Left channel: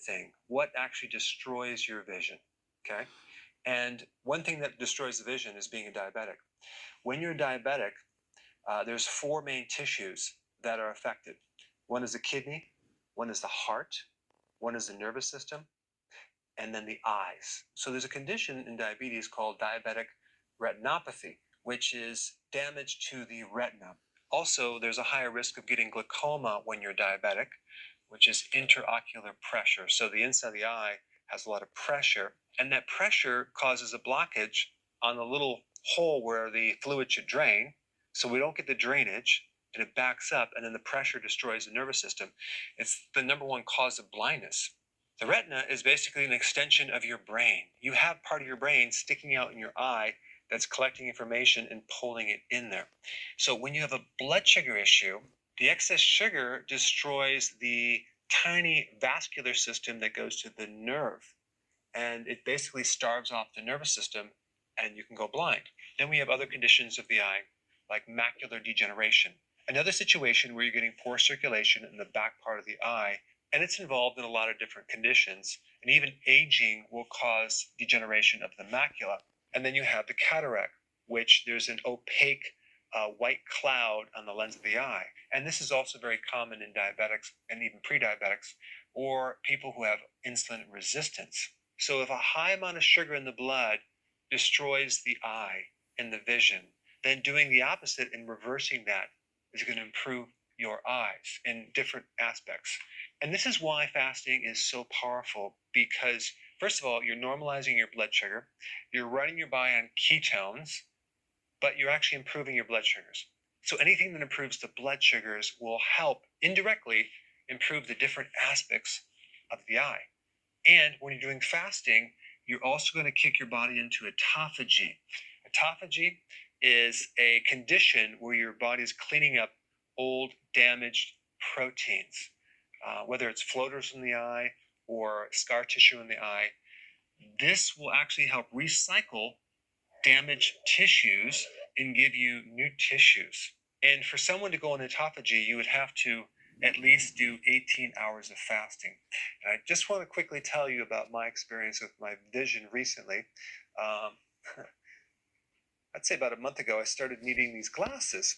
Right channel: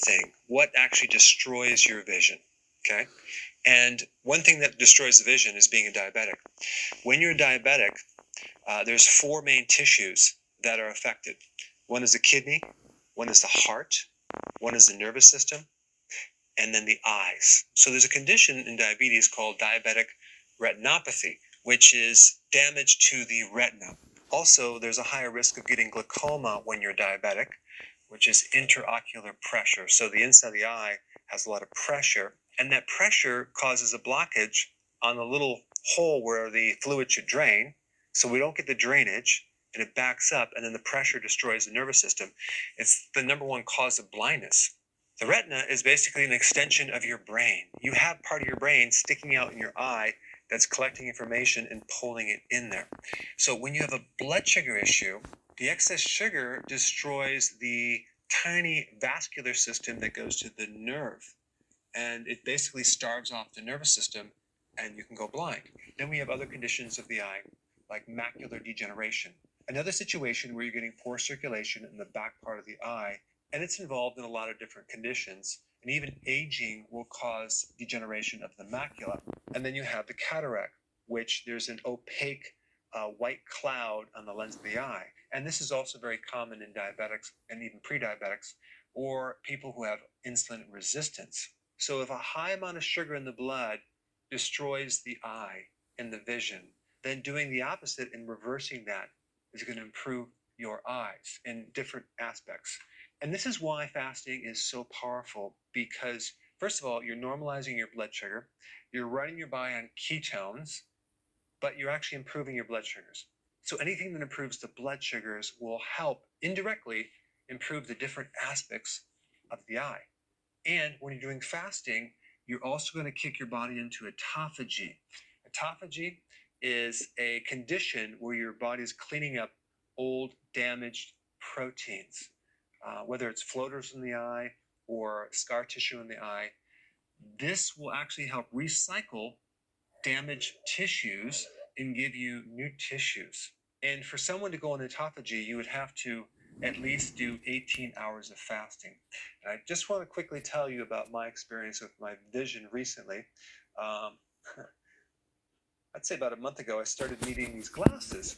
thing, what actually destroys your vision. Okay. And one thing that destroys the vision is being a diabetic. When you're diabetic, there's four main tissues that are affected. One is the kidney, one is the heart, one is the nervous system, and then the eyes. So there's a condition in diabetes called diabetic retinopathy, which is damage to the retina. Also, there's a higher risk of getting glaucoma when you're diabetic, which is interocular pressure. So the inside of the eye has a lot of pressure, and that pressure causes a blockage on the little hole where the fluid should drain. So we don't get the drainage, and it backs up, and then the pressure destroys the nervous system. It's the number one cause of blindness. The retina is basically an extension of your brain. You have part of your brain sticking out in your eye that's collecting information and pulling it in there. So when you have a blood sugar issue, the excess sugar destroys the tiny vascular system that goes to the nerve, and it basically starves off the nervous system, and you can go blind. Then we have other conditions of the eye, like macular degeneration. Another situation where you're getting poor circulation in the back part of the eye, and it's involved in a lot of different conditions. And even aging will cause degeneration of the macula. And then you have the cataract, which there's an opaque white cloud on the lens of the eye. And this is also very common in diabetics and even pre-diabetics or people who have insulin resistance. So if a high amount of sugar in the blood destroys the eye and the vision, then doing the opposite and reversing that is going to improve your eyes in different aspects. And this is why fasting is so powerful because, first of all, you're normalizing your blood sugar, you're running your body on ketones, but you're actually improving your blood sugars. So anything that improves the blood sugars will help indirectly improve the different aspects of the eye. And when you're doing fasting, you're also going to kick your body into autophagy. Autophagy is a condition where your body is cleaning up old, damaged proteins, whether it's floaters in the eye or scar tissue in the eye. This will actually help recycle damaged tissues and give you new tissues. And for someone to go on autophagy, you would have to at least do 18 hours of fasting. And I just want to quickly tell you about my experience with my vision recently. Um, I'd say about a month ago, I started needing these glasses.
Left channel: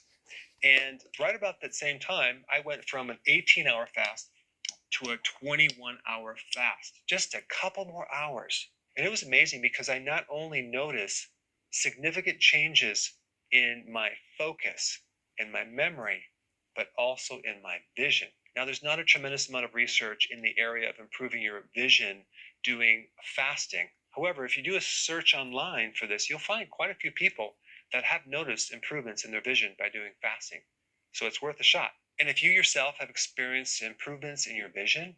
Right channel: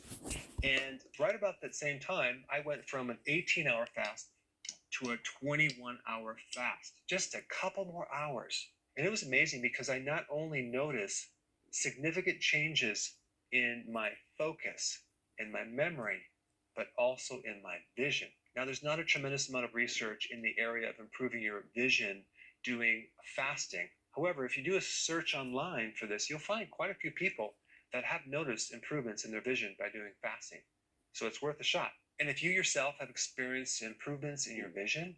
And right about that same time, I went from an 18-hour fast to a 21-hour fast, just a couple more hours. And it was amazing because I not only noticed significant changes in my focus and my memory, but also in my vision. Now, there's not a tremendous amount of research in the area of improving your vision doing fasting. However, if you do a search online for this, you'll find quite a few people that have noticed improvements in their vision by doing fasting. So it's worth a shot. And if you yourself have experienced improvements in your vision,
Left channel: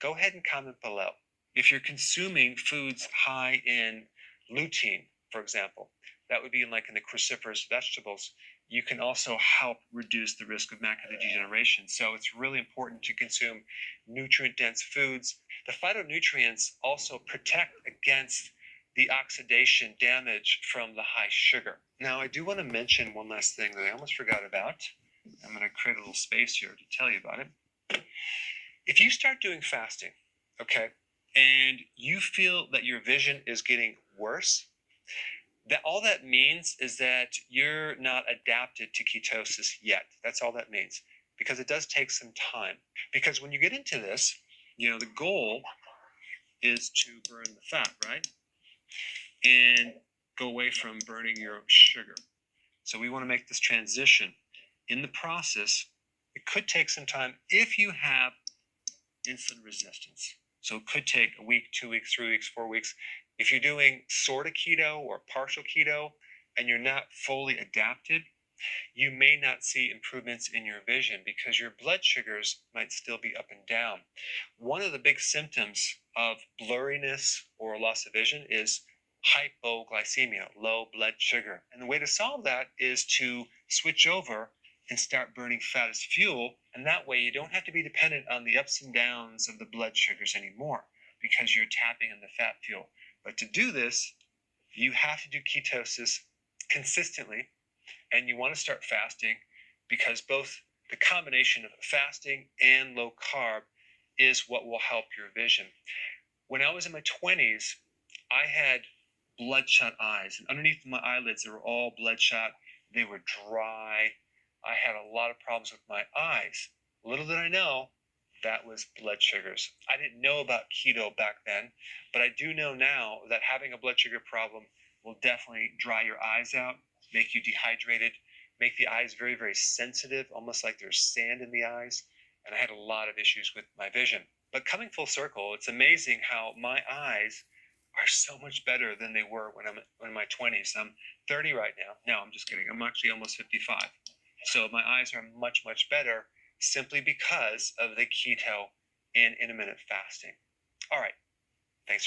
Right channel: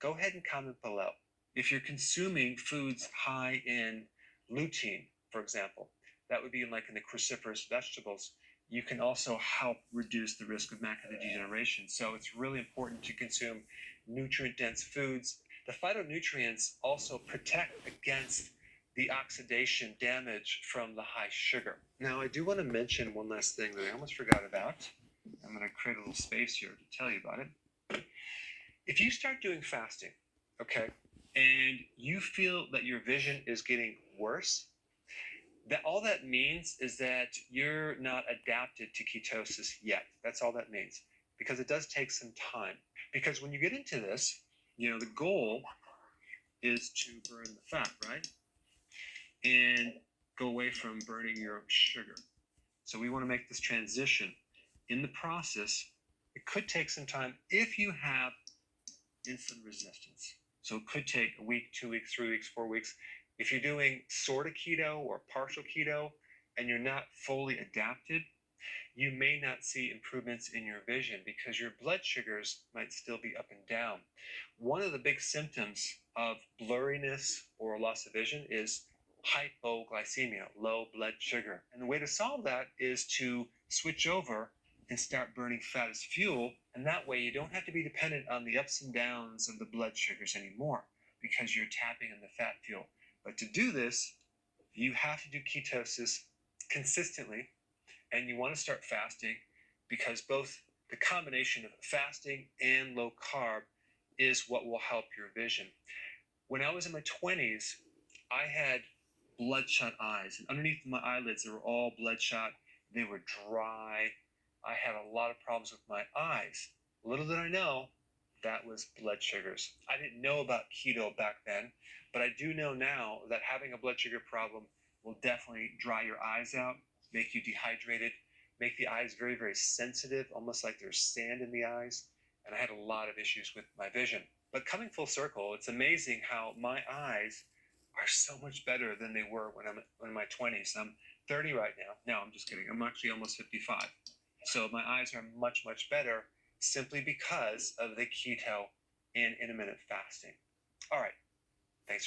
go ahead and comment below. If you're consuming foods high in lutein, for example, that would be in the cruciferous vegetables, you can also help reduce the risk of macular degeneration. So it's really important to consume nutrient-dense foods. The phytonutrients also protect against the oxidation damage from the high sugar. Now, I do want to mention one last thing that I almost forgot about. I'm going to create a little space here to tell you about it. If you start doing fasting, okay, and you feel that your vision is getting worse, that all that means is that you're not adapted to ketosis yet. That's all that means, because it does take some time. Because when you get into this, the goal is to burn the fat, right? And go away from burning your sugar. So we want to make this transition. In the process, it could take some time if you have insulin resistance. So it could take a week, 2 weeks, 3 weeks, 4 weeks. If you're doing sort of keto or partial keto and you're not fully adapted, you may not see improvements in your vision because your blood sugars might still be up and down. One of the big symptoms of blurriness or loss of vision is hypoglycemia, low blood sugar. And the way to solve that is to switch over and start burning fat as fuel. And that way you don't have to be dependent on the ups and downs of the blood sugars anymore because you're tapping on the fat fuel. But to do this, you have to do ketosis consistently, and you want to start fasting because both the combination of fasting and low carb is what will help your vision. When I was in my 20s, I had bloodshot eyes, and underneath my eyelids, they were all bloodshot. They were dry. I had a lot of problems with my eyes. Little did I know that was blood sugars. I didn't know about keto back then, but I do know now that having a blood sugar problem will definitely dry your eyes out, make you dehydrated, make the eyes very, very sensitive, almost like there's sand in the eyes. And I had a lot of issues with my vision. But coming full circle, it's amazing how my eyes are so much better than they were when I'm in my 20s. I'm 30 right now. No, I'm just kidding. I'm actually almost 55. So my eyes are much, much better simply because of the keto and intermittent fasting. All right. Thanks.